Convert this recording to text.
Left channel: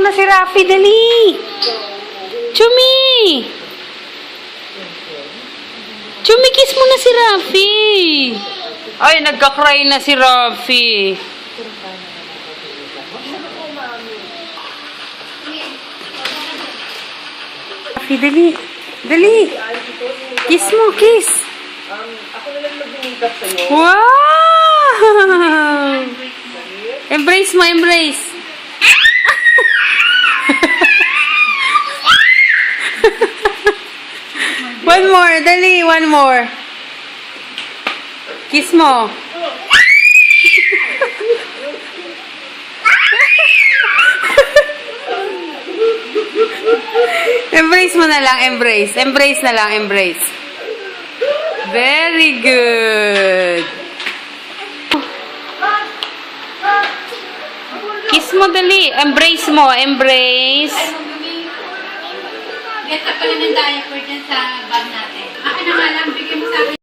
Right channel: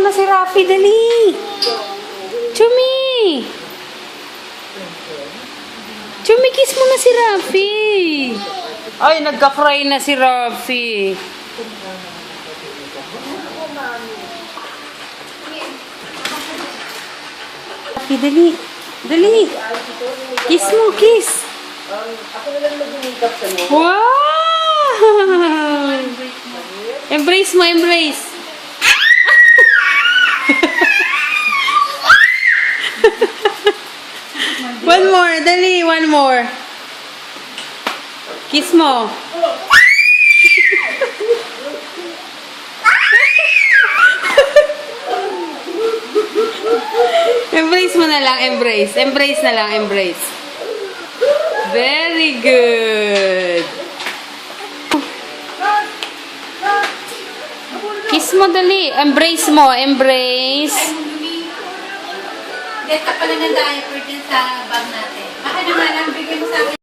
mo na si Rafi, dali. Chumi! Chumi, kiss mo na si Rafi. Ay, nagka-cry na si Rafi. Rafi, dali. Dali. Kiss mo, kiss. Ako na lang mag-makeup sa'yo. Wow! Embrace mo, embrace. One more, dali, one more. Kiss mo. Embrace mo na lang, embrace. Embrace na lang, embrace. Very good. Kiss mo dali. Embrace mo, embrace. Get ka pala ng diaper dyan sa bag natin. Akin na nga lang, bigyan mo sa akin.